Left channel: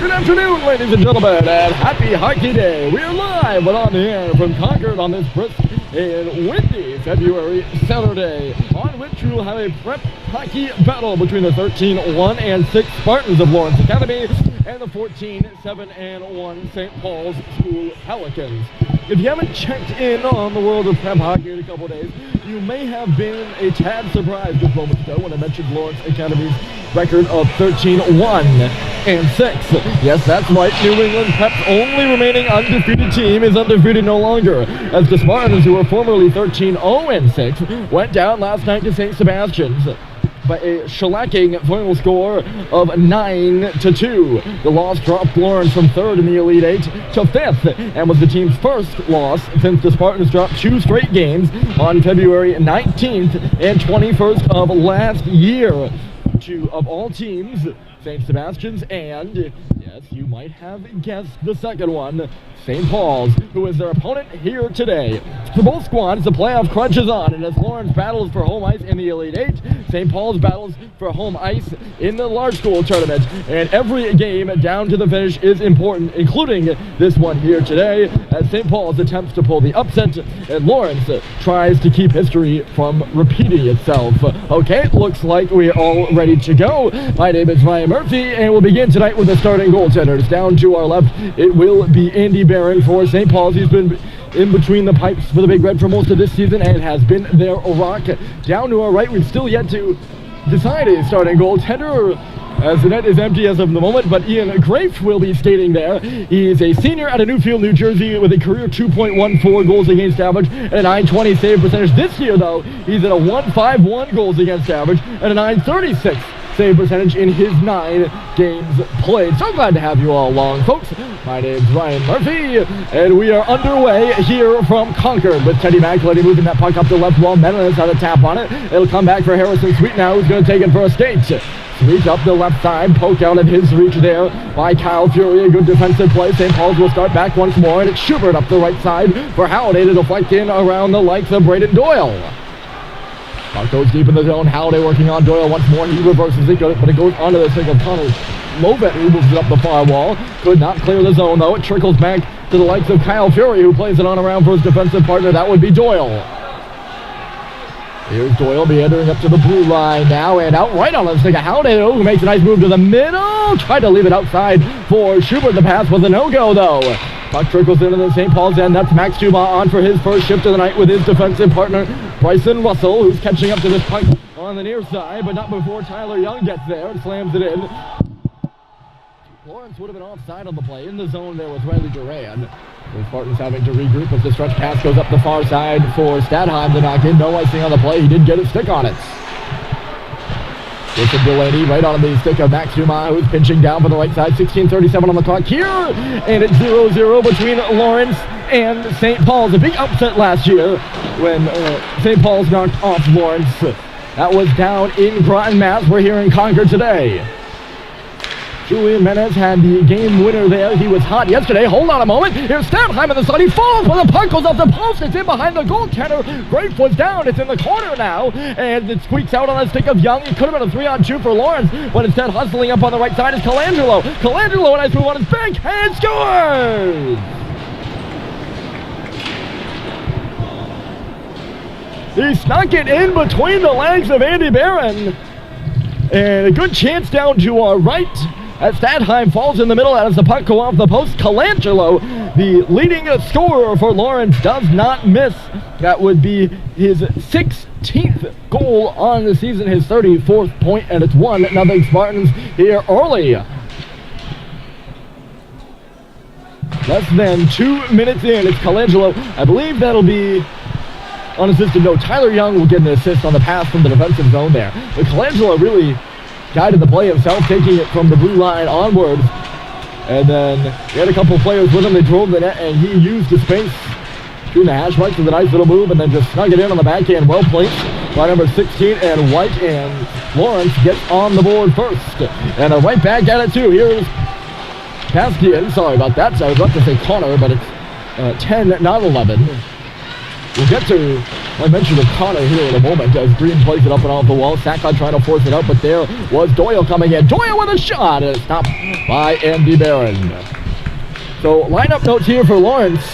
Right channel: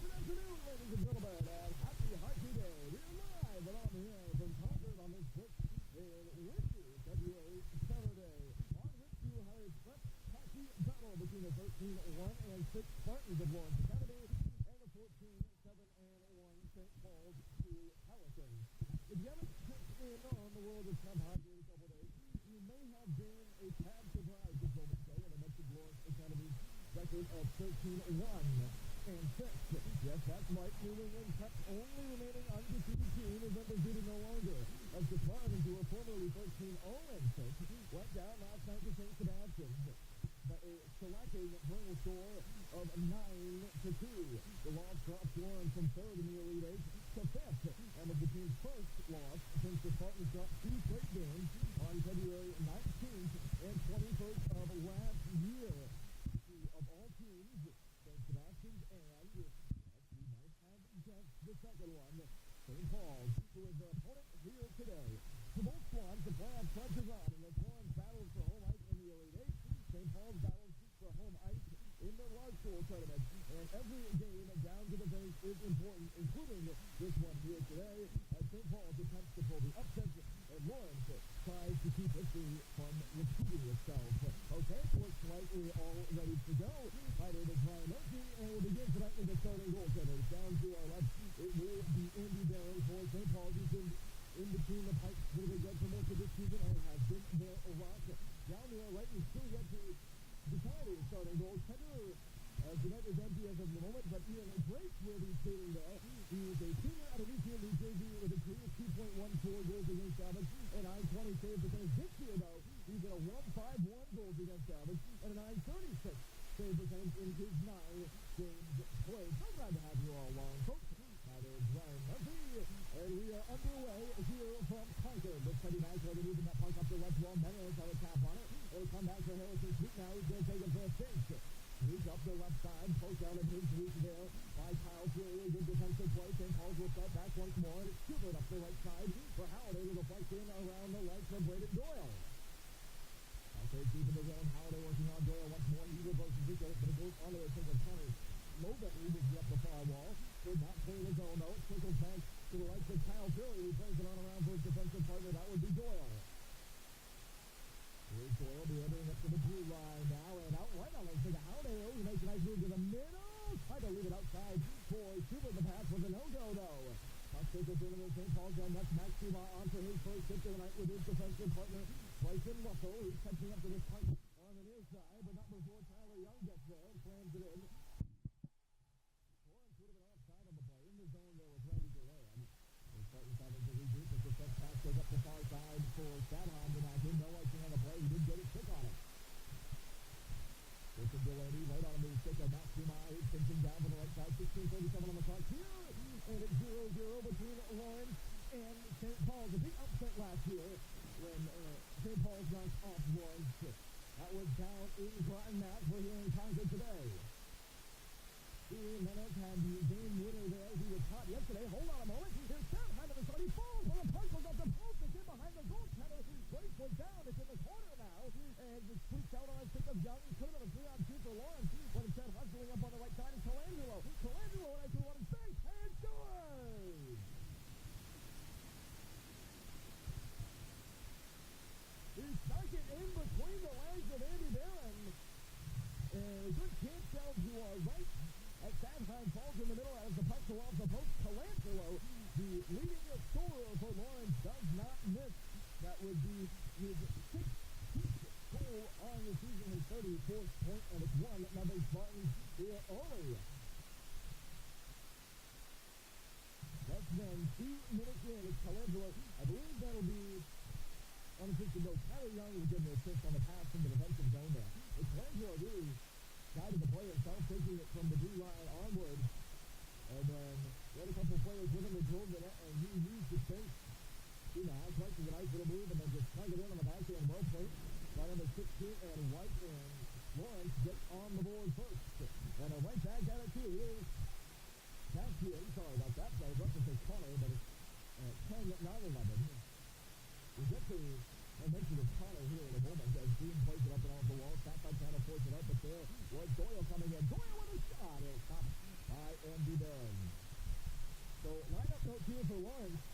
Good afternoon, ladies and gentlemen, and happy hockey day. We are live and on the air from Concord on this brisk and windy February Saturday, on which we will have a prep hockey battle between the 13-1 and 6 Spartans of Lawrence Academy and the 14-7-1 St. Paul's School Pelicans. If you haven't checked in on the world of prep hockey in a couple days, you may have been a tad surprised just moments ago when I mentioned Lawrence Academy's record of 13-1 and 6. Yes, that's right. New England Prep's only remaining undefeated team is undefeated no longer, as the Spartans, who were formerly 13-0 and 6, went down last night to St. Sebastian's by a shellacking final score of 9-2. The loss dropped Lawrence from 3rd in the Elite 8 to 5th, and was the team's first loss since the Spartans dropped 2 straight games on February 19th and 21st of last year. Two of all teams, St. Sebastian's and, yes, you might have guessed the second one, St. Paul's, who is their opponent here today. For both squads, the playoff crunch is on, and as Lawrence battles for home ice in the Elite 8, St. Paul's battles for home ice in the large school tournament, and every game down to the finish is important, including this one here today, as St. Paul's attempts to pull the upset, and Lawrence tries to keep history from repeating itself. Okay, looks like we're all ready to go. My name is Ryan Murphy, and we'll begin tonight with the starting goaltenders. Down to our left, it will be Andy Barron for St. Paul's. He's been in between the pipes for the Big Red for most of this season and has been their rock. Down to our right, we've still yet to decide a starting goaltender, as the net is empty as of the moment, but Ian Grafe will be skating there. He is a senior out of Newfield, New Jersey, with a career 2.14 goals against average and a .920 save percentage. This year, though, he's at a 1.51 goals against average and a .936 save percentage in his 9 games played. So glad to have you all along, folks. My name's Ryan Murphy, and we are underway here from Concord with Teddy McElhenney moving that puck up the left wall. Menelis had a tap on it. It'll come back for Harrison Sweet now, who's going to take it for a skate. Sweet up the left side, poke out of his reach there by Kyle Fury. A good defensive play. St. Paul's will start back once more, and it's Schubert up the right side for Halliday to deflect in around the likes of Braden Doyle. Puck goes deep in the zone. Halliday working on Doyle once more. He reverses it, but it goes onto the stick of Connor Lovett, who moves it up the far wall. Could not clear the zone, though. It trickles back to the likes of Kyle Fury, who plays it on around for his defensive partner. That would be Doyle. Here's Doyle meandering up to the blue line now, and out right on the stick of Halliday, who makes a nice move to the middle. Tried to leave it outside for Schubert. The pass was a no-go, though. Puck trickles into the St. Paul's end. That's Max Dumas on for his first shift of the night with his defensive partner, Bryson Russell, who's catching up to this puck on the near side, but not before Tyler Young gets there and slams it in. Lawrence would have been offside on the play. In the zone there was Riley Duran. The Spartans having to regroup as the stretch pass goes up the far side for Stadheim to knock in. No icing on the play. He did get a stick on it. It's a Delaney right on the stick of Max Dumas, who's pinching down for the right side. 16:37 on the clock here, and it's 0-0 between Lawrence and St. Paul's. A big upset last year when St. Paul's knocked off Lawrence. That was down in Groton, Mass. We're here in Concord today. Julian Menez had the game winner there. He was hot yesterday. Hold on a moment. Here's Stadheim in the sun. He falls when the puck goes off the post. It's in behind the goaltender. Grafe was down. It's in the corner now. And it squeaks out on the stick of Young. It could have been a 3-on-2 for Lawrence, but instead hustling up on the right side is Colangelo. Colangelo, a nice move on his backhand, scores! He snuck it in between the legs of Andy Barron. And a good chance down to our right, as Stadheim falls in the middle as the puck go off the post. Colangelo, the leading scorer for Lawrence, does not miss. That would be his 16th goal on the season, his 34th point, and it's 1-0 Spartans here early. Less than 2 minutes in, it's Colangelo. I believe that'll be unassisted. No, Tyler Young will get an assist on the pass from the defensive zone there. But Colangelo really guided the play himself, taking it from the blue line onwards. And then he had a couple players with him. They drove the net, and he used the space between the hash marks with a nice little move, and then just snug it in on the backhand. Well placed by number 16, and White and Lawrence gets on the board first. And right back at it, too. Here's Paskian. Sorry about that. So I was about to say Connor, but it's 10, not 11. We'll get to I mentioned O'Connor here in a moment as Green plays it up and off the wall. Sackcott trying to force it out, but there was Doyle coming in. Doyle with a shot, and it's stopped by Andy Barron. So lineup notes here for Lawrence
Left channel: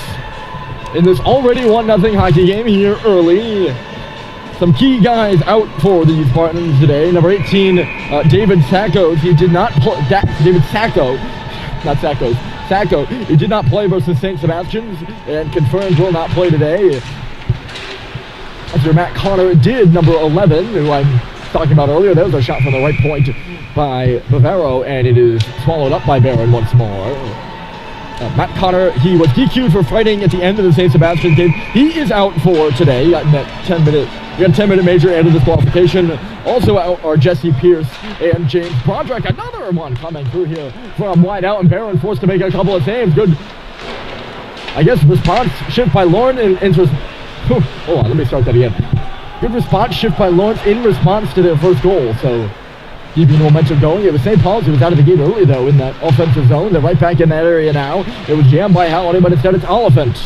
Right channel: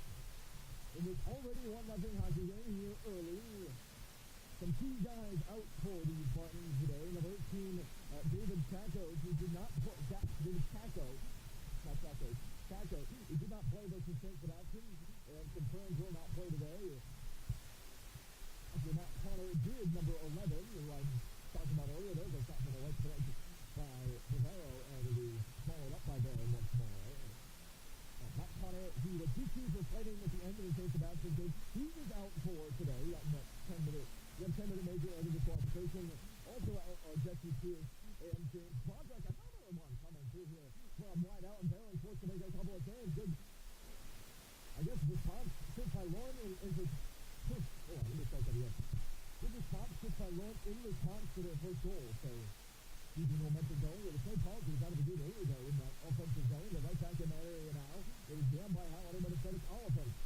in this already 1-0 hockey game here early. Some key guys out for the Spartans today. Number 18, David Sackos. He did not play. David Sacco, not Sackos. Sacco. He did not play versus St. Sebastian's and confirmed will not play today. After Matt Connor did, number 11, who I'm talking about earlier. There was a shot from the right point by Bavaro, and it is swallowed up by Barron once more. Matt Connor, he was DQ'd for fighting at the end of the St. Sebastian game. He is out for today. We got a 10-minute major and a disqualification. Also out are Jesse Pierce and James Broderick. Another one coming through here from wide out, and Barron forced to make a couple of saves. Good, I guess, response shift by Lauren hold on, let me start that again. Good response shift by Lawrence in response to their first goal. So keeping the momentum going. It was St. Paul's who was out of the game early, though, in that offensive zone. They're right back in that area now. It was jammed by Halliday, but instead it's Oliphant.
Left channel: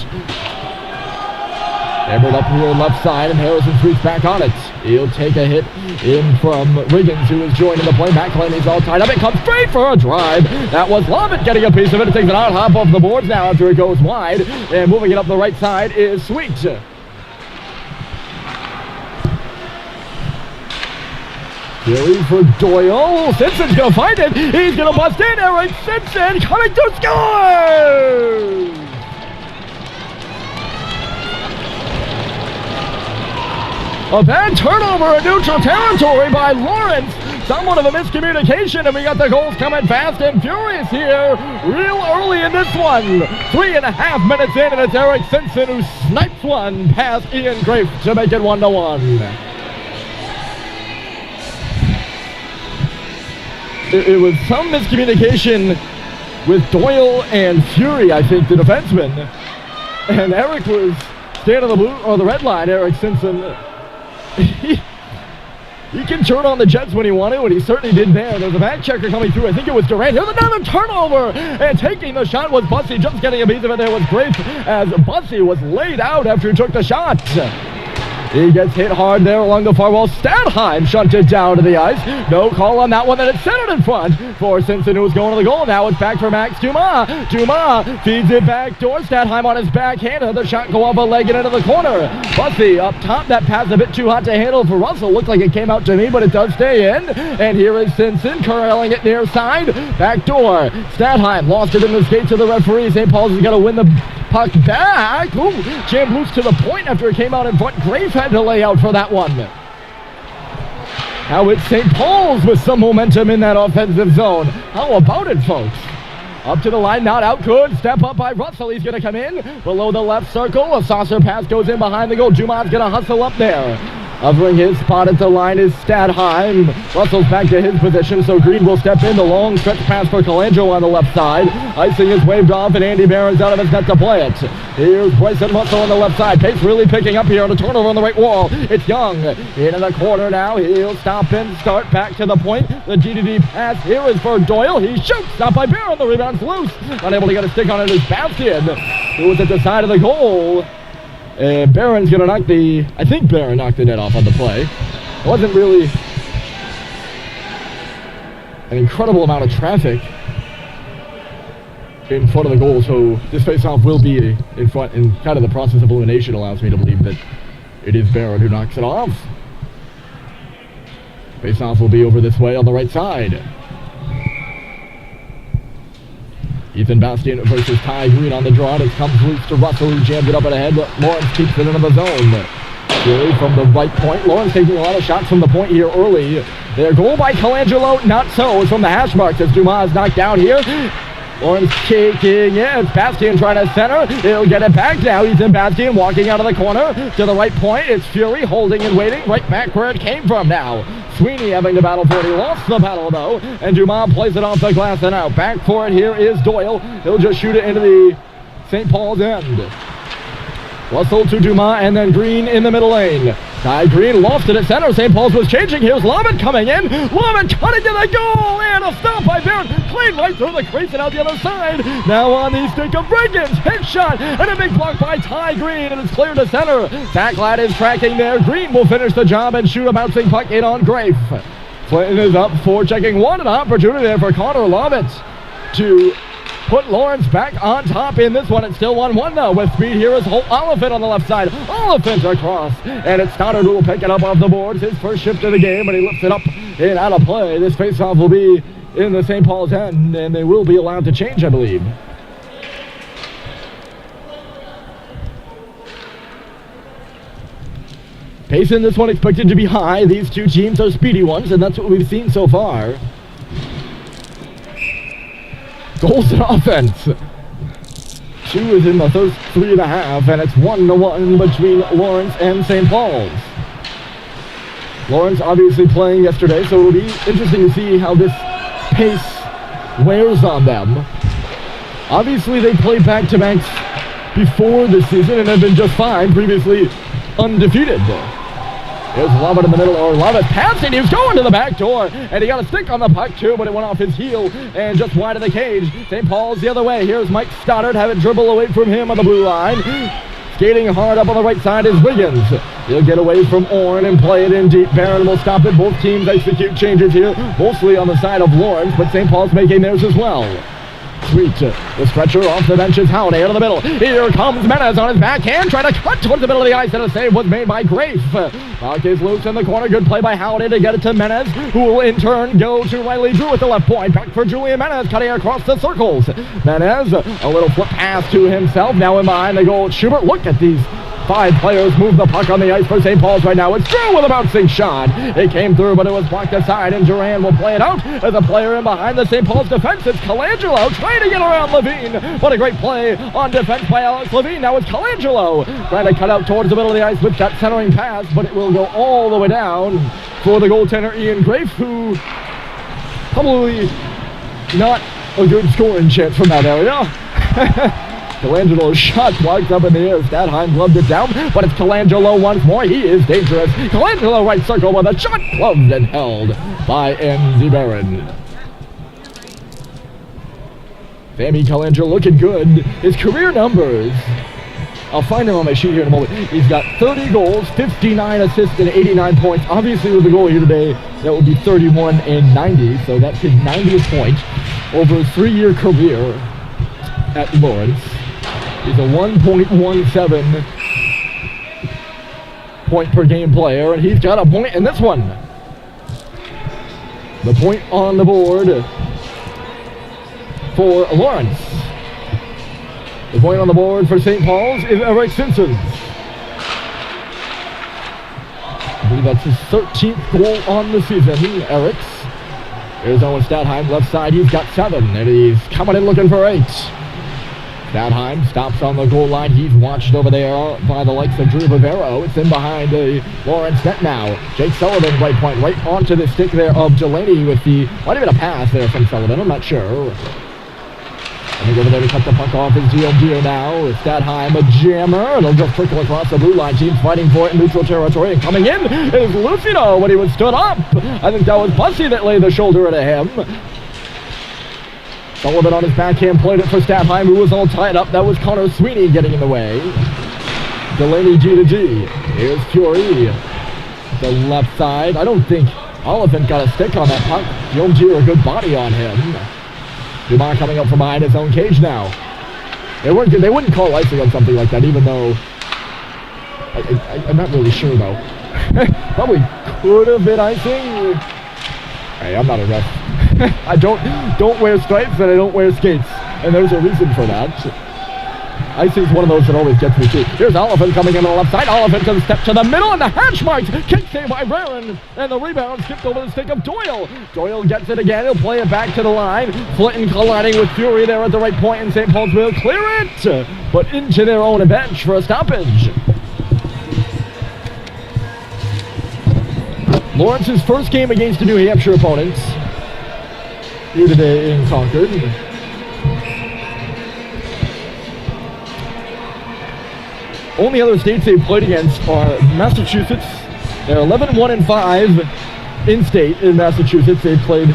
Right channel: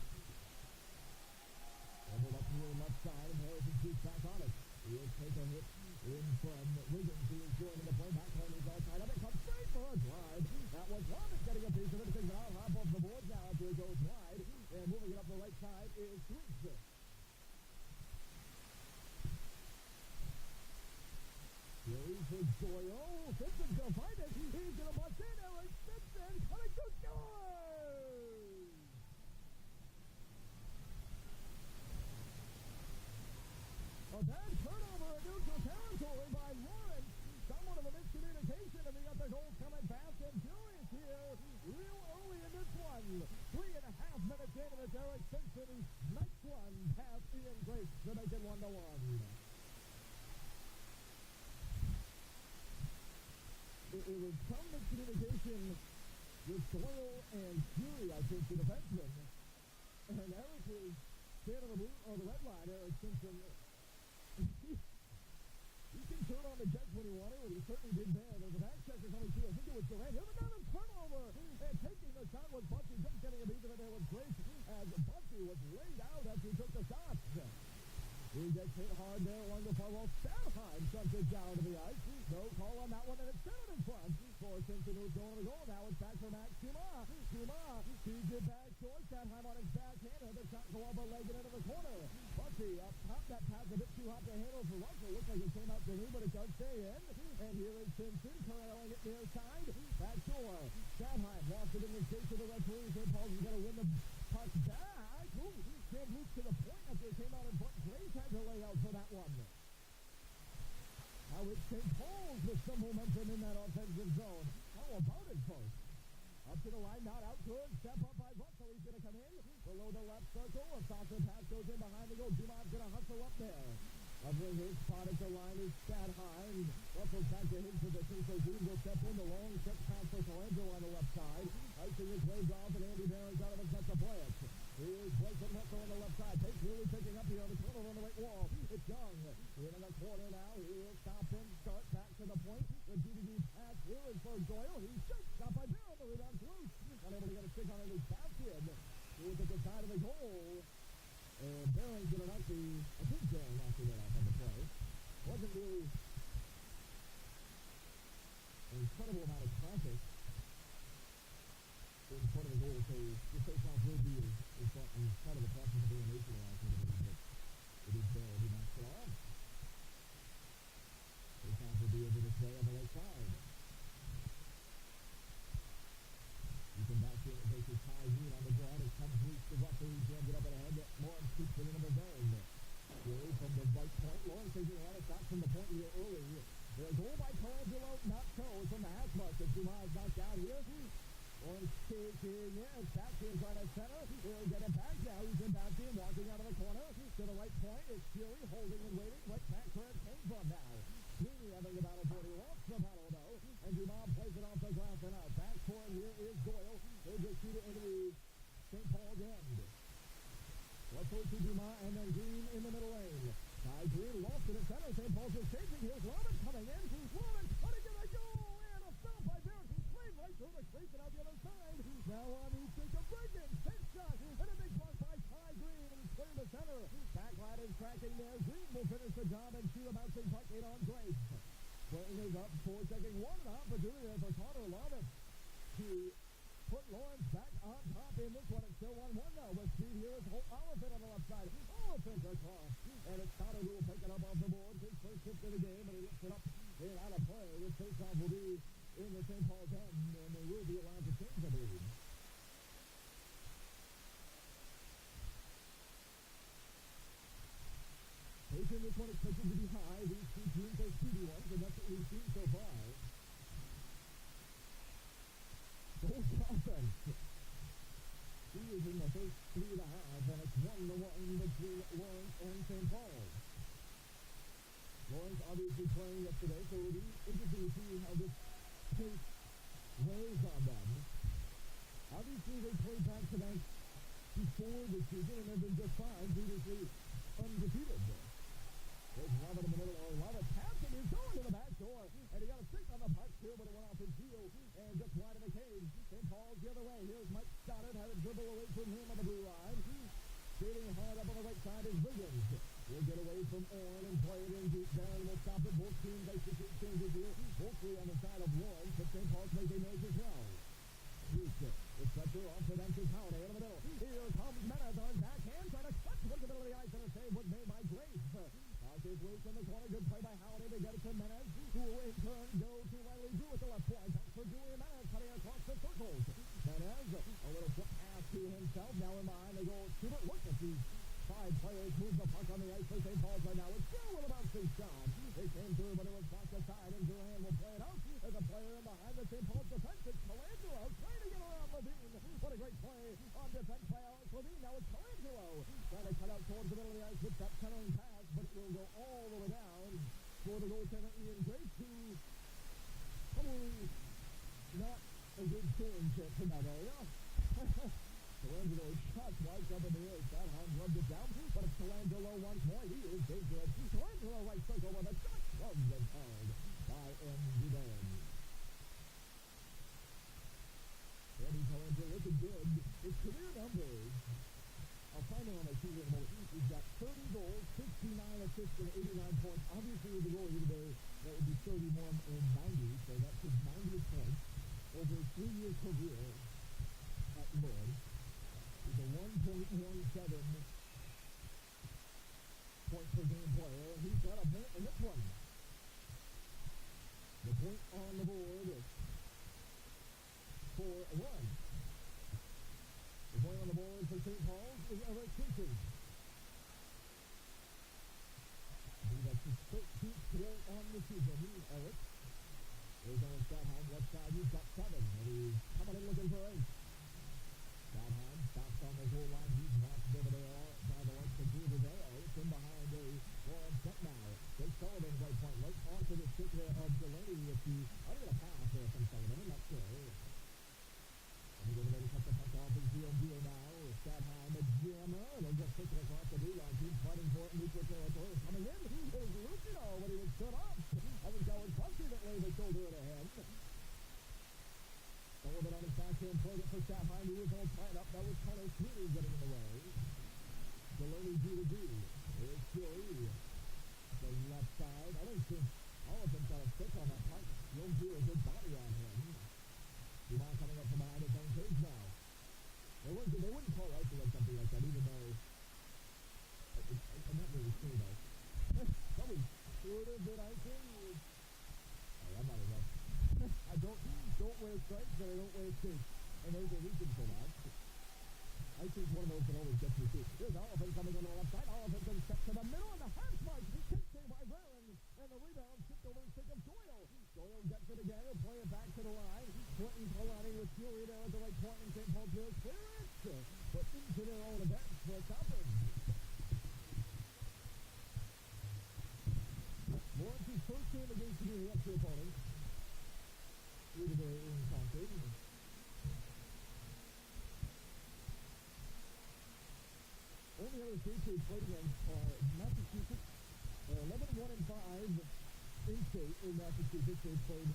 Hammered up here left side, and Harrison sweeps back on it. He'll take a hit in from Riggins, who is joining the play. McElhaney's all tied up. It comes straight for a drive. That was Lovett getting a piece of it. It takes an out hop off the boards now after it goes wide. And moving it up the right side is Sweet. Fury for Doyle. Simpson's going to find it. He's going to bust in. Eric Simpson coming to score! A bad turnover in neutral territory by Lawrence. Somewhat of a miscommunication, and we got the goals coming fast and furious here real early in this one. 3.5 minutes in, and it's Eric Simpson who snipes one past Ian Grafe to make it 1-1. It was some miscommunication with Doyle and Fury, I think, the defenseman. And Eric was standing on the blue or the red line. Eric Simpson, he can turn on the Jets when he wanted, and he certainly did there. There's a back checker coming through. I think it was Durant. Here's another turnover, and taking the shot was Bussey. Just getting a piece of it there was Grafe, as Bussey was laid out after he took the shot. He gets hit hard there along the far wall. Stadheim shunted down to the ice. No call on that one. Then it's centered in front for Simpson, who was going to the goal. Now it's back for Max Dumas. Dumas feeds it back door. Stadheim on his backhand. Another shot go off a leg and into the corner. Bussey up top. That pass a bit too hot to handle for Russell. Looked like it came out to me, but it does stay in. And here is Simpson curling it near side. Back door. Stadheim lost it in the skates of the referee. St. Paul's is going to win the puck back. Ooh, jammed loose to the point after it came out in front. Grafe had to lay out for that one. Now it's St. Paul's with some momentum in that offensive zone. How about it, folks? Up to the line, not out. Good step up by Russell. He's going to come in below the left circle. A saucer pass goes in behind the goal. Dumas going to hustle up there. Hovering his spot at the line is Stadheim. Russell's back to his position, so Green will step in. The long stretch pass for Colangelo on the left side. Icing is waved off, and Andy Barron's out of his net to play it. Here's Bryson Russell on the left side. Pace really picking up here on a turnover on the right wall. It's Young into the corner now. He'll stop and start back to the point. The DDD pass here is for Doyle. He shoots. Stopped by Barron. The rebound's loose. Unable to get a stick on it is Bastian, who was at the side of the goal. And Barron's going to I think Barron knocked the net off on the play. It wasn't really an incredible amount of traffic in front of the goal, so this face-off will be in front, and kind of the process of elimination allows me to believe that it is Barron who knocks it off. Face-off will be over this way on the right side. Ethan Bastian versus Ty Green on the draw. It comes loose to Russell, who jammed it up and ahead. Lawrence keeps it into the zone. Fury from the right point. Lawrence taking a lot of shots from the point here early. Their goal by Colangelo, not so. It's from the hash marks as Dumas knocked down here. Lawrence kicking in. Bastian trying to center. He'll get it back now. Ethan Bastian walking out of the corner to the right point. It's Fury holding and waiting right back where it came from now. Sweeney having to battle for it. He lost the battle, though, and Dumas plays it off the glass and out. Back for it here is Doyle. He'll just shoot it into the St. Paul's end. Russell to Dumas, and then Green in the middle lane. Ty Green lost it at center. St. Paul's was changing. Here's Lovett coming in. Lovett cutting to the goal, and a stop by Barron. straight right through the crease and out the other side. Now on the stick of Brinkins. Hit shot and a big block by Ty Green, and it's clear to center. Zach Ladd is tracking there. Green will finish the job and shoot a bouncing puck in on Grafe. Clinton is up for checking one, an opportunity there for Connor Lovett to put Lawrence back on top in this one. It's still 1-1 now with speed. Here is Oliphant on the left side. Oliphant across, and it's Stoddard who will pick it up off the boards. His first shift of the game, and he lifts it up and out of play. This faceoff will be in the St. Paul's end, and they will be allowed to change, I believe. Pace in this one expected to be high. These two teams are speedy ones, and that's what we've seen so far. Goals and offense. 2 is in the first 3.5, and it's 1-1 between Lawrence and St. Paul's. Lawrence obviously playing yesterday, so it'll be interesting to see how this pace wears on them. Obviously, they played back-to-backs before this season and have been just fine, previously undefeated. There's Lovett in the middle, or Lovett passing, he was going to the back door, and he got a stick on the puck too, but it went off his heel and just wide of the cage. St. Paul's the other way. Here's Mike Stoddard, have it dribble away from him on the blue line. Skating hard up on the right side is Wiggins. He'll get away from Orrin and play it in deep. Barron will stop it. Both teams execute changes here, mostly on the side of Lawrence, but St. Paul's making theirs as well. Sweet. The stretcher off the bench is Howdy out of the middle. Here comes Menez on his backhand, trying to cut towards the middle of the ice, and a save was made by Grafe. Puck is loose in the corner. Good play by Howdy to get it to Menez, who will in turn go to Riley Drew at the left point. Back for Julian Menez, cutting across the circles. Menez, a little flip pass to himself. Now in behind the goal, Schubert. Look at these 5 players move the puck on the ice for St. Paul's right now. It's Drew with a bouncing shot. It came through, but it was blocked aside, and Duran will play it out as a player in behind the St. Paul's defense. It's Colangelo trying to get around Levine. What a great play on defense by Alex Levine. Now it's Colangelo trying to cut out towards the middle of the ice with that centering pass, but it will go all the way down for the goaltender Ian Grafe, who probably not a good scoring chance from that area. Colangelo's shot blocked up in the air. Stadheim gloved it down, but it's Colangelo once more. He is dangerous. Colangelo right circle with a shot gloved and held by Andy Barron. Sammy Colangelo looking good. His career numbers, I'll find him on my sheet here in a moment. He's got 30 goals, 59 assists, and 89 points. Obviously, with the goal here today, that would be 31 and 90, so that's his 90th point over a 3-year career at Lawrence. He's a 1.17 point per game player, and he's got a point in this one. The point on the board for Lawrence. The point on the board for St. Paul's is Eric Simpson. I believe that's his 13th goal on the season, Eric's. Here's Owen Stadheim, left side, he's got 7, and he's coming in looking for 8. Stadheim stops on the goal line. He's watched over there by the likes of Drew Bavero. It's in behind the Lawrence net now. Jake Sullivan, right point, right onto the stick there of Delaney with the, might have been a pass there from Sullivan, I'm not sure. And they go over there to cut the puck off his Gio now. Stadheim, a jammer. It'll just trickle across the blue line. Teams fighting for it in neutral territory. And coming in is Lucido when he was stood up. I think that was Bussy that laid the shoulder into him. Sullivan on his backhand played it for Stadheim, who was all tied up. That was Connor Sweeney getting in the way. Delaney G to G. Here's Fury. The left side. I don't think Oliphant got a stick on that puck. G a good body on him. Dumont coming up from behind his own cage now. They wouldn't call icing on something like that, even though I'm not really sure though. Probably could have been icing. Hey, I'm not a ref. I don't wear stripes and I don't wear skates, and there's a reason for that. Icing's one of those that always gets me too. Here's Oliphant coming in on the left side. Oliphant can step to the middle, and the hash marks. Kick save by Barron, and the rebound skipped over the stick of Doyle. Doyle gets it again. He'll play it back to the line. Flinton colliding with Fury there at the right point, and St. Paul's will clear it, but into their own bench for a stoppage. Lawrence's first game against the New Hampshire opponents here today in Concord. Only other states they've played against are Massachusetts. They're 11-1-5 in state in Massachusetts. They've played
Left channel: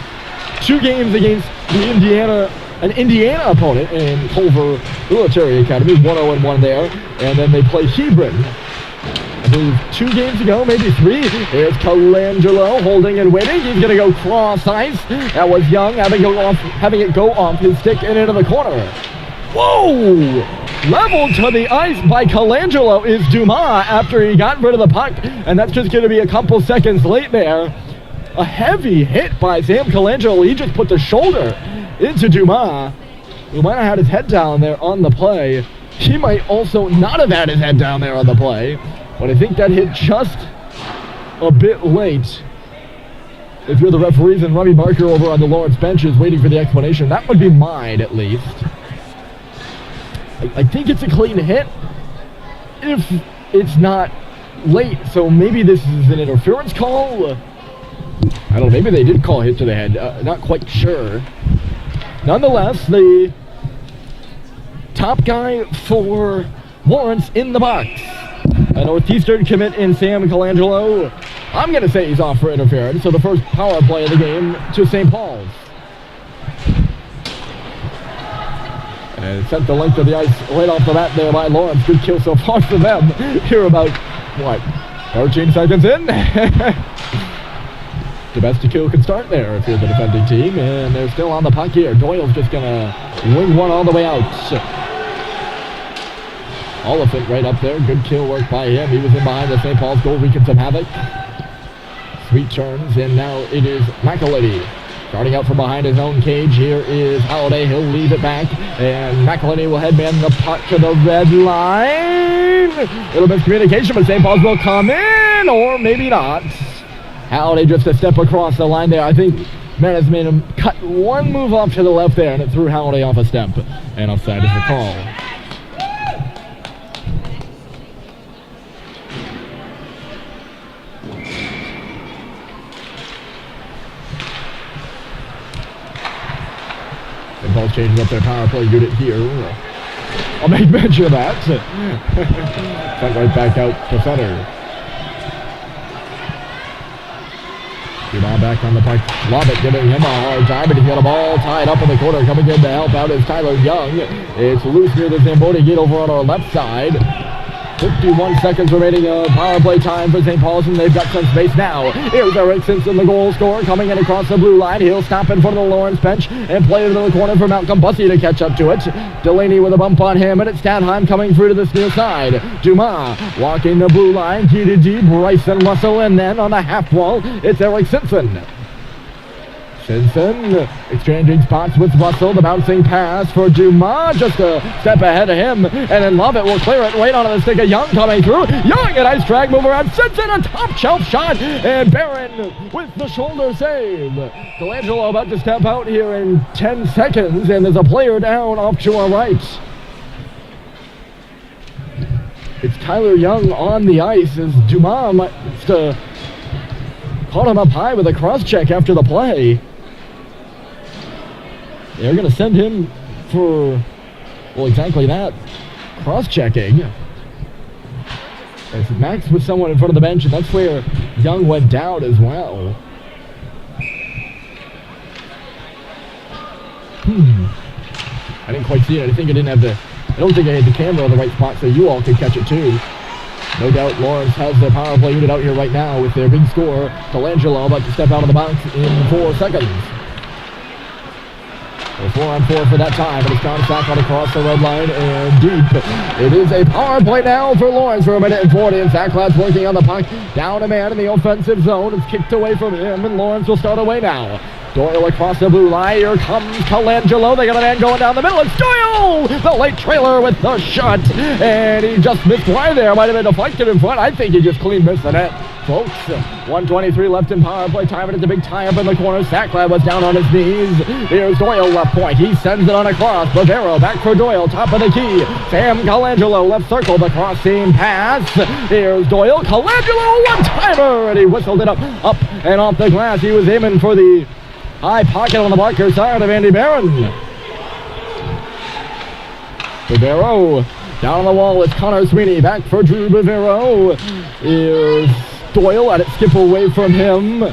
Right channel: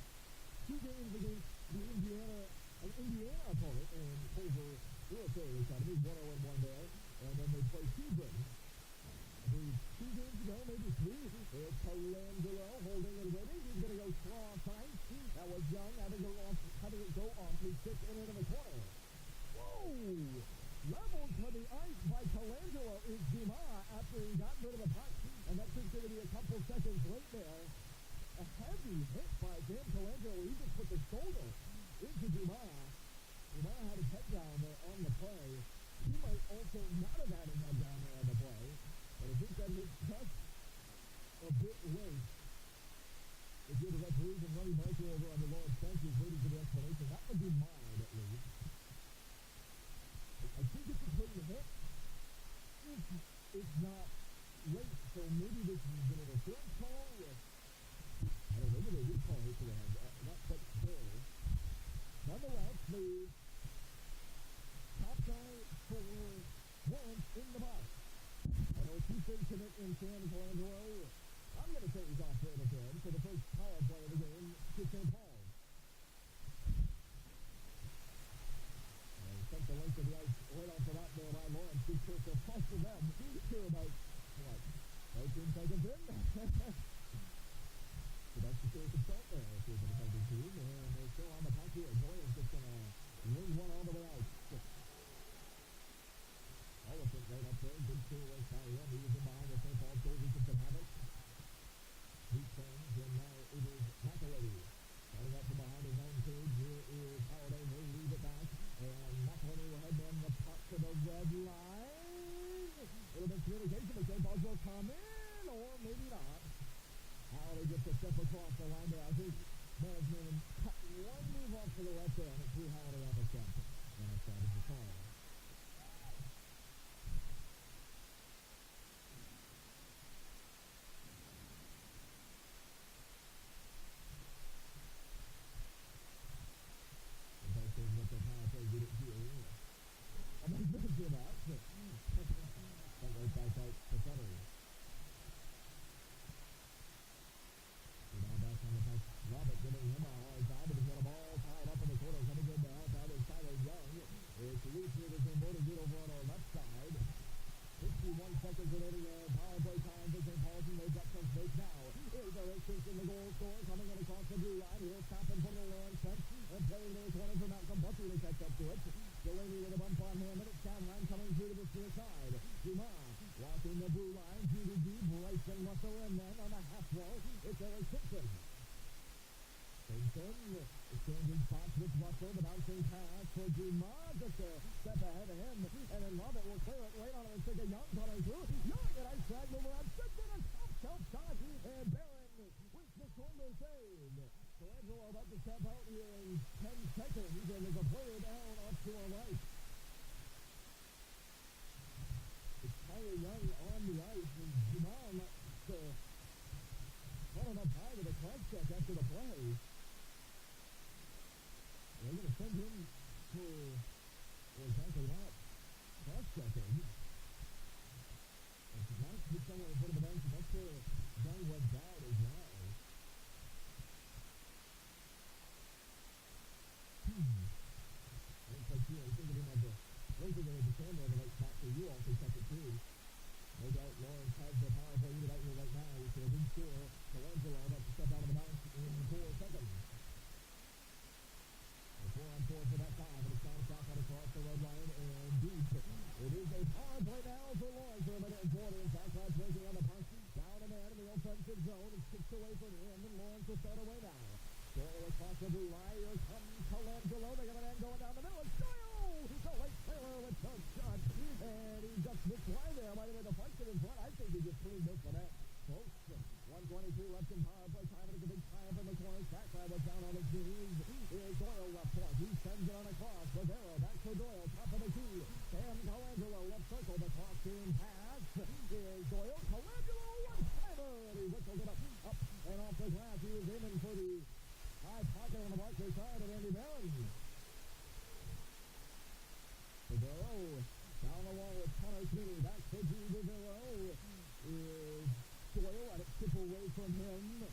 2 games against an Indiana opponent in Culver Military Academy, 1-0-1 there, and then they play Hebron. I believe 2 games ago, maybe 3. Here's Colangelo holding and waiting. He's going to go cross ice. That was Young having it go off his stick and into the corner. Whoa! Leveled to the ice by Colangelo is Dumas after he got rid of the puck, and that's just going to be a couple seconds late there. A heavy hit by Sam Colangelo. He just put the shoulder into Dumas, who might have had his head down there on the play. He might also not have had his head down there on the play, but I think that hit just a bit late. If you're the referees and Robbie Barker over on the Lawrence bench is waiting for the explanation, that would be mine at least. I think it's a clean hit if it's not late, so maybe this is an interference call. I don't know, maybe they did call a hit to the head, not quite sure. Nonetheless, the top guy for Lawrence in the box. A Northeastern commit in Sam Colangelo. I'm going to say he's off for interference, so the first power play of the game to St. Paul's. And sent the length of the ice right off the bat there by Lawrence. Good kill so far for them. Here about, 13 seconds in? The best kill can start there if you're the defending team. And they're still on the puck here. Doyle's just going to wing one all the way out. Oliphant right up there. Good kill work by him. He was in behind the St. Paul's goal, wreaking some havoc. Sweet turns, and now it is McElhinney. Starting out from behind his own cage, here is Holiday. He'll leave it back, and McElhinney will headman the puck to the red line. Little miscommunication, but St. Paul's will come in, or maybe not. Holiday just a step across the line there. I think Menace made him cut one move off to the left there, and it threw Holiday off a step. And offside is the call. St. Paul's changing up their power play unit here. I'll make mention of that. Sent right back out to center. Dumas back on the puck. Lovitt giving him a hard time, but he's got a ball tied up in the corner. Coming in to help out is Tyler Young. It's loose near the Zamboni gate over on our left side. 51 seconds remaining of power play time for St. Paul's, and they've got some space now. Here's Eric Simpson, the goal scorer, coming in across the blue line. He'll stop in front of the Lawrence bench and play it into the corner for Malcolm Bussey to catch up to it. Delaney with a bump on him, and it's Stadheim coming through to this near side. Dumas walking the blue line, key to deep, Bryson Russell, and then on the half wall, it's Eric Simpson. Simpson exchanging spots with Russell. The bouncing pass for Dumas, just a step ahead of him, and then Lovett will clear it right onto the stick of Young coming through. Young, a nice drag move around. Simpson, a top shelf shot, and Barron with the shoulder save. Colangelo about to step out here in 10 seconds, and there's a player down off to our right. It's Tyler Young on the ice as Dumas might caught him up high with a cross check after the play. They're going to send him for, well, exactly that, cross-checking. As Max with someone in front of the bench, and that's where Young went down as well. I didn't quite see it. I think I didn't have I don't think I had the camera on the right spot, so you all could catch it too. No doubt Lawrence has their power play unit out here right now with their big scorer, Colangelo, about to step out of the box in 4 seconds. 4-on-4 for that time, but it's contact on across the red line and deep. It is a power play now for Lawrence for 1:40, and Sacklad's working on the puck. Down a man in the offensive zone. It's kicked away from him, and Lawrence will start away now. Doyle across the blue line. Here comes Colangelo. They got a man going down the middle. It's Doyle! The late trailer with the shot, and he just missed wide there. Might have been deflected in front. I think he just clean missed the net. Folks, 1:23 left in power play time, and it's a big tie-up in the corner. Sacklad was down on his knees. Here's Doyle left point. He sends it on across. Bavero back for Doyle, top of the key. Sam Colangelo left circle, the cross-seam pass. Here's Doyle. Colangelo, one-timer, and he whistled it up and off the glass. He was aiming for the high pocket on the Barker side of Andy Barron. Bavero down on the wall. It's Connor Sweeney back for Drew Bavero. Here's Doyle, let it skip away from him.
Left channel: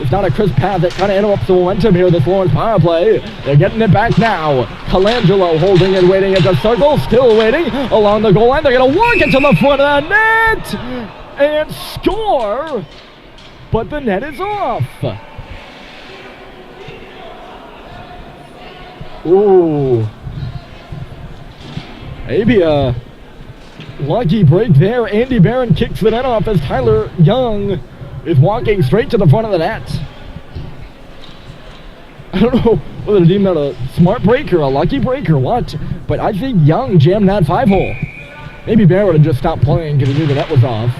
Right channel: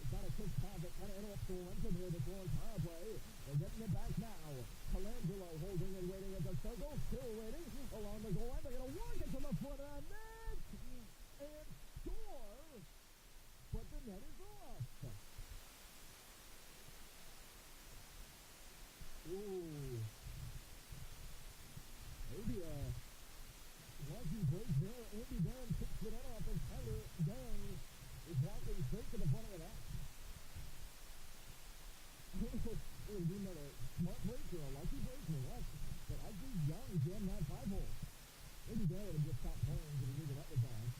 It's not a crisp pass that kind of interrupts the momentum here, this Lawrence power play. They're getting it back now. Colangelo holding and waiting at the circle, still waiting along the goal line. They're going to work it to the front of the net and score, but the net is off. Ooh. Maybe a lucky break there. Andy Barron kicks the net off as Tyler Young is walking straight to the front of the net. I don't know whether to deem that a smart break or a lucky break or what, but I think Young jammed that 5-hole. Maybe Barron would have just stopped playing because he knew the net was off.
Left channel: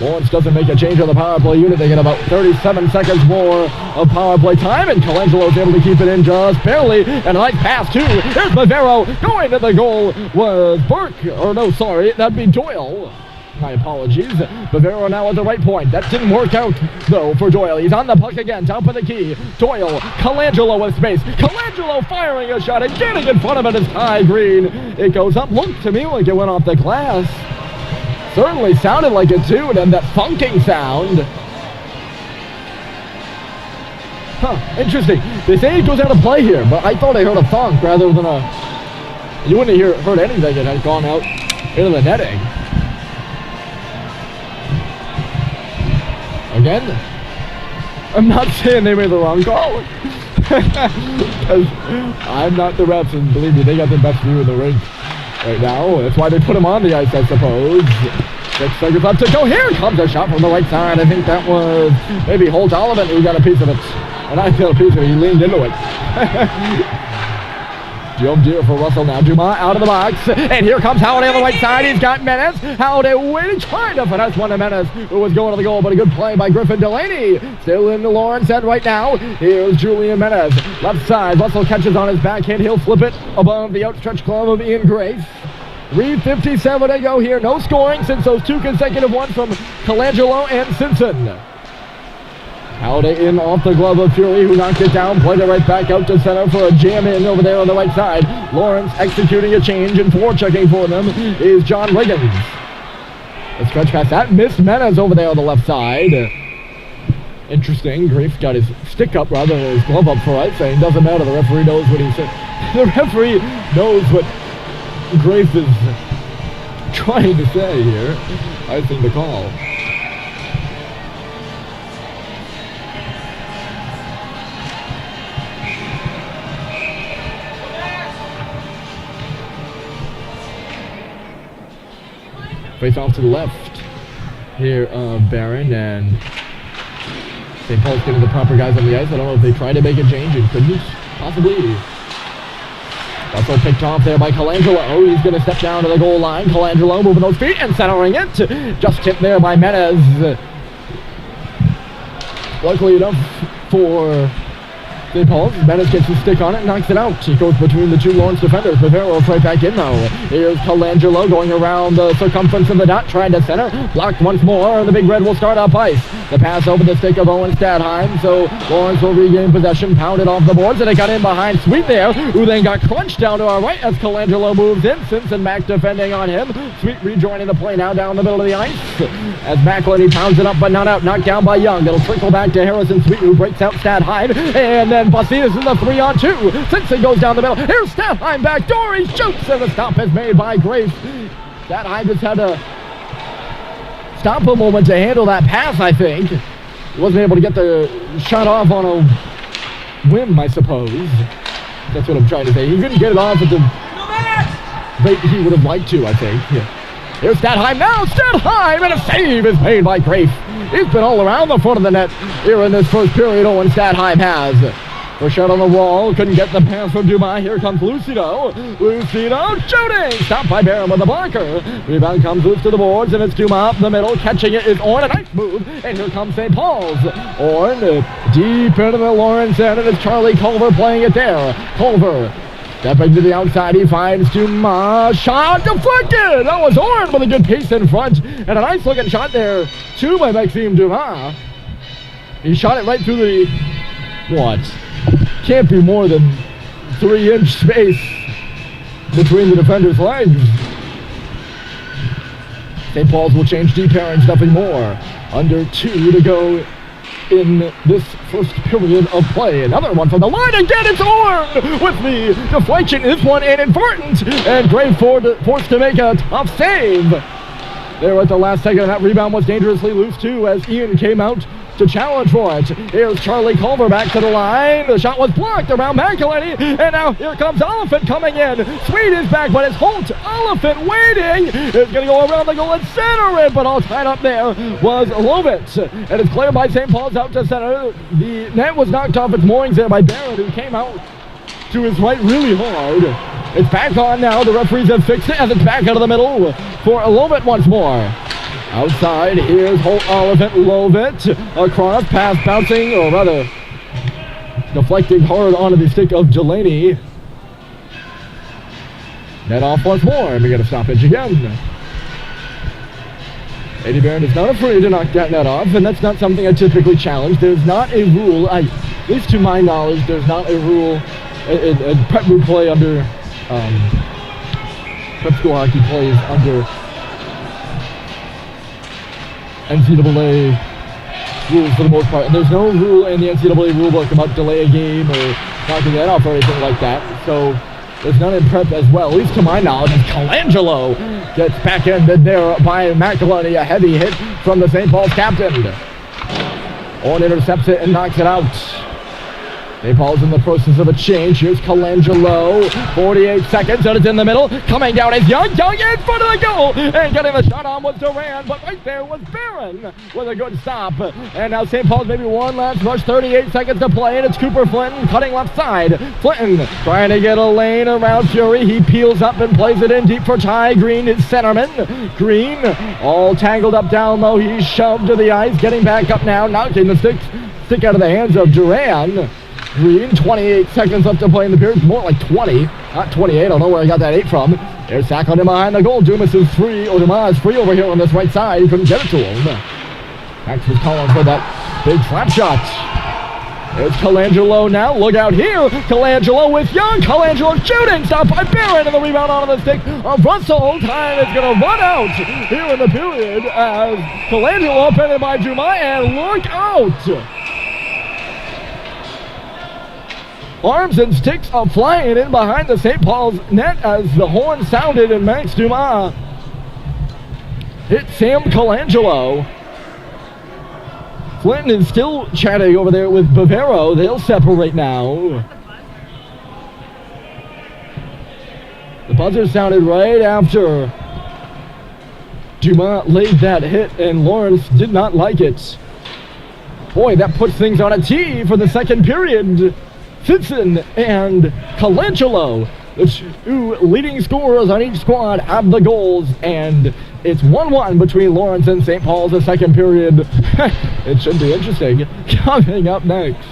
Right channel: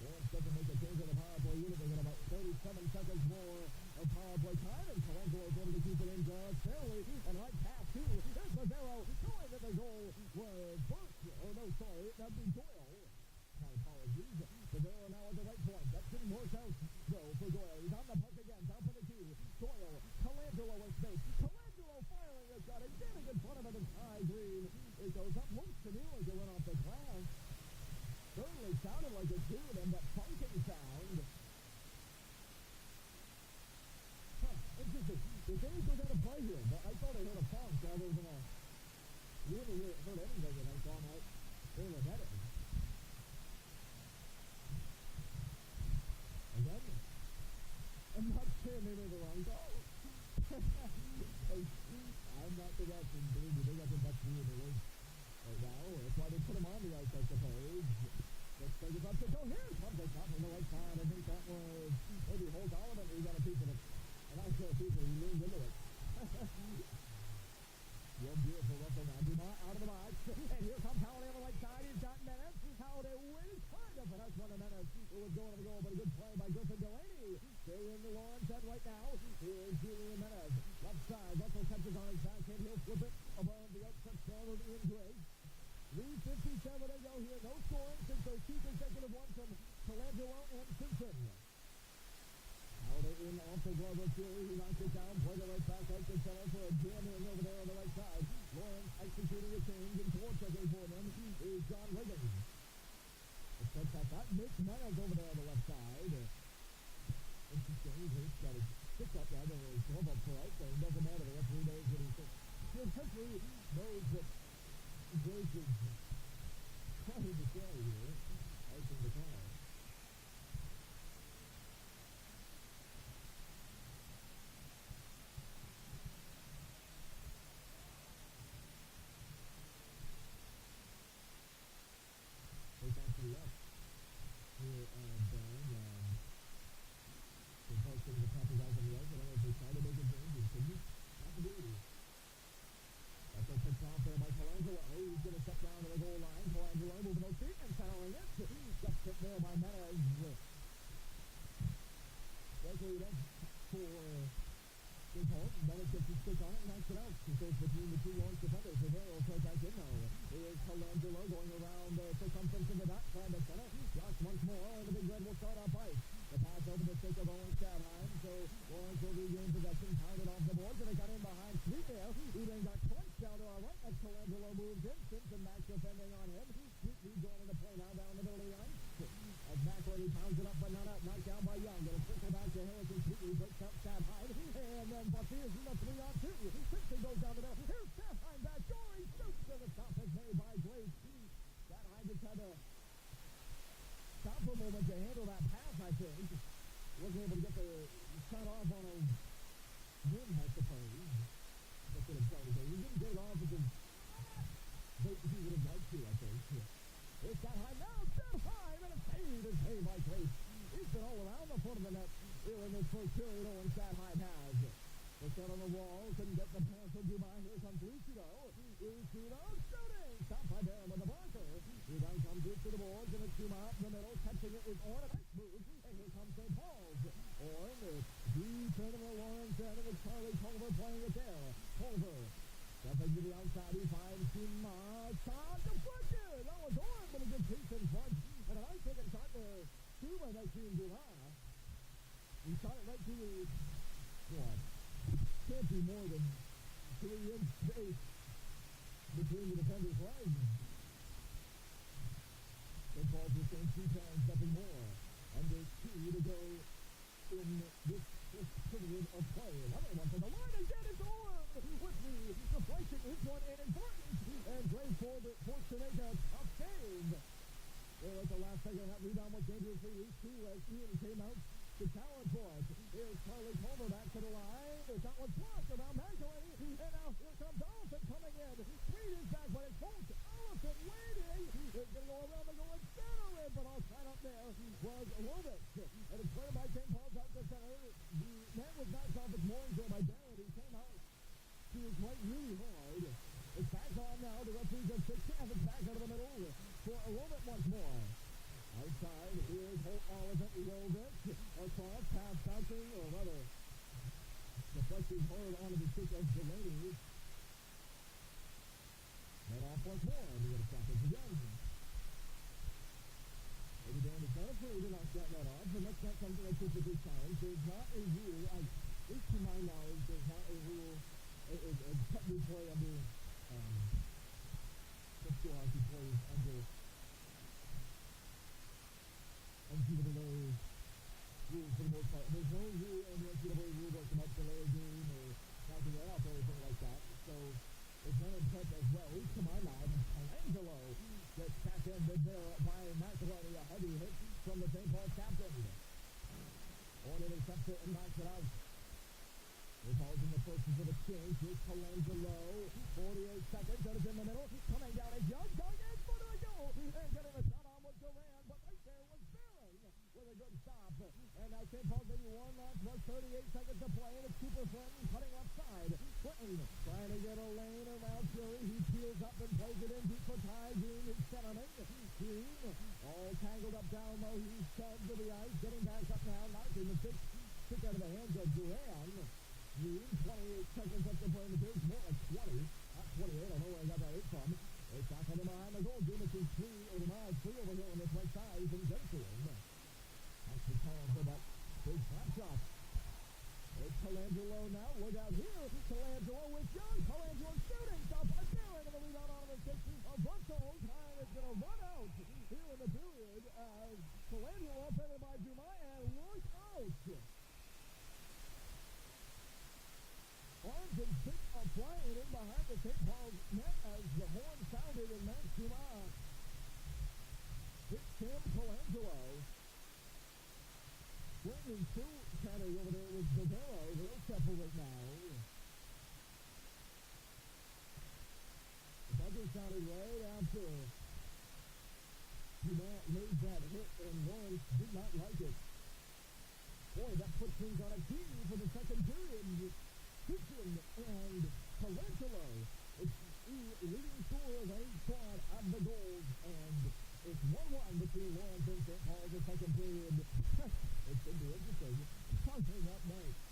Lawrence doesn't make a change on the power play unit. They get about 37 seconds more of power play time, and Colangelo's able to keep it in just barely. And a nice pass, too. Here's Bavero. Going to the goal was Burke. Or no, sorry, that'd be Doyle. My apologies. Bavero now at the right point. That didn't work out, though, for Doyle. He's on the puck again, top of the key. Doyle, Colangelo with space. Colangelo firing a shot and getting in front of it is Ty Green. It goes up. Looked to me like it went off the glass. Certainly sounded like it too, and that funking sound. Interesting. They say it goes out of play here, but I thought I heard a thunk rather than a... You wouldn't have heard anything. It had gone out into the netting. Again, I'm not saying they made the wrong call. I'm not the refs, and believe me, they got the best view in the rink right now. That's why they put him on the ice, I suppose. 6 seconds left to go. Here comes a shot from the right side. I think that was maybe Holt Oliver who got a piece of it. And I got a piece of it. He leaned into it. Jump deer for Russell now. Dumas out of the box. And here comes Howdy on the right side. He's got Menace. Howdy waiting, trying to finesse one to Menace, who was going to the goal, but a good play by Griffin Delaney. Still in the Lawrence end right now. Here's Julian Menace. Left side. Russell catches on his backhand. He'll flip it above the outstretched glove of Ian Grace. 3:57 to go here. No scoring since those 2 consecutive ones from Colangelo and Simpson. Howdy in off the glove of Fury, who knocked it down, played it right back out to center for a jam in over there on the right side. Lawrence executing a change, and forechecking for them is John Riggins. The stretch pass, that missed Menace over there on the left side. Interesting, Grafe got his stick up rather than his glove up for right, saying doesn't matter, the referee knows what he said. The referee knows what Grafe is trying to say here. I think the call. Face off to the left here of Barron, and St. Paul's getting the proper guys on the ice. I don't know if they tried to make a change and couldn't, possibly. Also picked off there by Colangelo. He's going to step down to the goal line. Colangelo moving those feet and centering it. Just tipped there by Menez. Luckily enough for St. Paul's, Menez gets his stick on it and knocks it out. He goes between the 2 Lawrence defenders. Bavero's right back in though. Here's Colangelo going around the circumference of the dot, trying to center. Blocked once more, and the Big Red will start up ice. The pass over the stick of Owen Stadheim, so Lawrence will regain possession, pounded off the boards, and it got in behind Sweet there, who then got crunched down to our right as Colangelo moves in. Simpson back defending on him. Sweet rejoining the play now down the middle of the ice as McElhenney pounds it up but not out. Knocked down by Young. It'll trickle back to Harrison Sweet, who breaks out Stadheim, and then Bastidas in the 3-on-2. Simpson goes down the middle. Here's Stadheim back door. He shoots, and the stop is made by Grace. Stadheim just had to stop a moment to handle that pass, I think. He wasn't able to get the shot off on a whim, I suppose. That's what I'm trying to say. He couldn't get it off at the rate he would have liked to, I think. Yeah. Here's Stadheim now. Stadheim, and a save is made by Grafe. He's been all around the front of the net here in this first period. Owen Stadheim has. First shot on the wall, couldn't get the pass from Dumas. Here comes Lucido. Lucido shooting! Stopped by Barron with the blocker. Rebound comes loose to the boards, and it's Dumas up the middle. Catching it is Orn. A nice move. And here comes St. Paul's. Orn deep into the Lawrence end, and it's Charlie Culver playing it there. Culver stepping to the outside. He finds Dumas. Shot deflected! That was Orn with a good pace in front. And a nice looking shot there, too, by Maxime Dumas. He shot it right through the... what? Can't be more than 3-inch space between the defender's legs. St. Paul's will change deep pairings, nothing more. Under 2 to go in this first period of play. Another one from the line. Again, it's Horn with the deflection. This one inadvertent. And Gray forced to make a tough save. There at the last second. That rebound was dangerously loose, too, as Ian came out to challenge for it. Here's Charlie Culver back to the line. The shot was blocked around McElhenney, and now here comes Oliphant coming in. Sweet is back, but it's Holt. Oliphant waiting. It's going to go around the goal and center it, but all tied up there was Lovitz. And it's cleared by St. Paul's out to center. The net was knocked off its moorings there by Barrett, who came out to his right really hard. It's back on now. The referees have fixed it as it's back out of the middle for Lovitz once more. Outside, here's Holt, Oliphant, Lovitz, across, pass bouncing, or rather, deflecting hard onto the stick of Delaney. Net off once more, and we get a stoppage again. Eddie Barron is not afraid to knock that net off, and that's not something I typically challenge. There's not a rule, at least to my knowledge, there's not a rule, a prep group play under, prep school hockey plays under NCAA rules for the most part, and there's no rule in the NCAA rulebook about delay a game or knocking that off or anything like that, so there's none in prep as well, at least to my knowledge. Colangelo gets back-ended there by McElhenney, a heavy hit from the St. Paul's captain. Horn intercepts it and knocks it out. St. Paul's in the process of a change. Here's Colangelo, 48 seconds, and it's in the middle. Coming down is Young. Young in front of the goal, and getting the shot on was Duran, but right there was Barron with a good stop. And now St. Paul's maybe one last rush, 38 seconds to play, and it's Cooper Flinton cutting left side. Flinton trying to get a lane around Fury. He peels up and plays it in deep for Ty Green, his centerman. Green all tangled up down low. He's shoved to the ice, getting back up now, knocking the stick out of the hands of Duran. Green, 28 seconds left to play in the period. More like 20, not 28. I don't know where I got that 8 from. There's Sacklin in behind the goal. Dumas is free. Dumas is free over here on this right side. He couldn't get it to him. Max was calling for that big slap shot. There's Colangelo now. Look out here. Colangelo with Young. Colangelo shooting. Stopped by Barron, and the rebound onto the stick of Russell. Time is going to run out here in the period as Colangelo opened by Dumas, and look out. Arms and sticks are flying in behind the St. Paul's net as the horn sounded, and Max Dumas hit Sam Colangelo. Flinton is still chatting over there with Bavero. They'll separate now. The buzzer sounded right after Dumas laid that hit, and Lawrence did not like it. Boy, that puts things on a tee for the second period. Fitson and Colangelo, the two leading scorers on each squad, have the goals, and it's 1-1 between Lawrence and St. Paul's the second period. It should be interesting. Coming up next.